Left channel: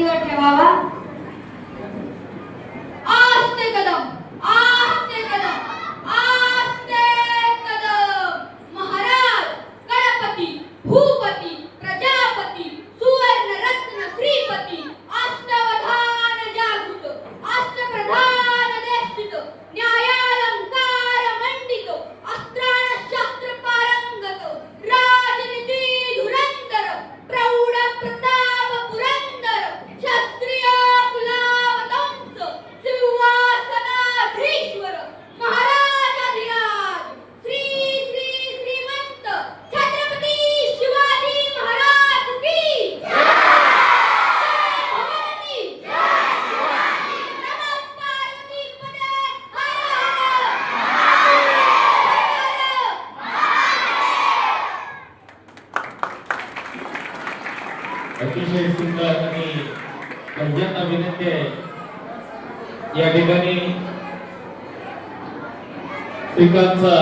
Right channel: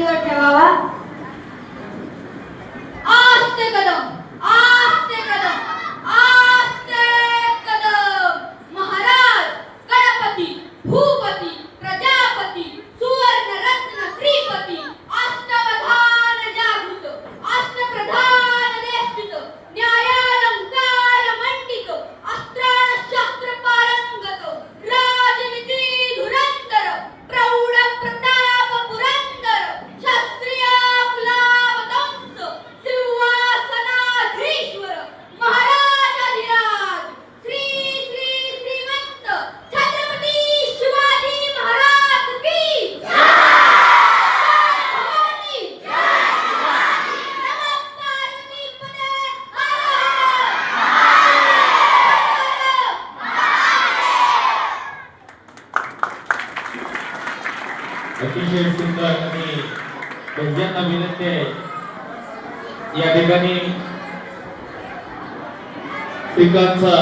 छातीवर ठेवावा. आस्ते कदम, आस्ते कदम, आस्ते कदम. महाराज, गणपती, भूपती, प्रजापती, सुवर्ण रत्न श्रीपती, अष्टवधान जागृत, अष्टप्रधान देष्टित, न्यायालंकार मंडित, अस्त्राण शास्त्र पारंगत, राजनीती धुरंधर, प्रौढ प्रताप पुरंदर, शास्त्रीय कुलावतंस, सिंहासनाधीश्वर, महाराजाधिराज, श्री श्री श्रीमंत छत्रपती शिवाजी महाराज की जय. भवानी नमः पार्वती पदे अतिशय सुंदर आणि त्यांना विनंती आहे या ठिकाणी श्रीकांतचा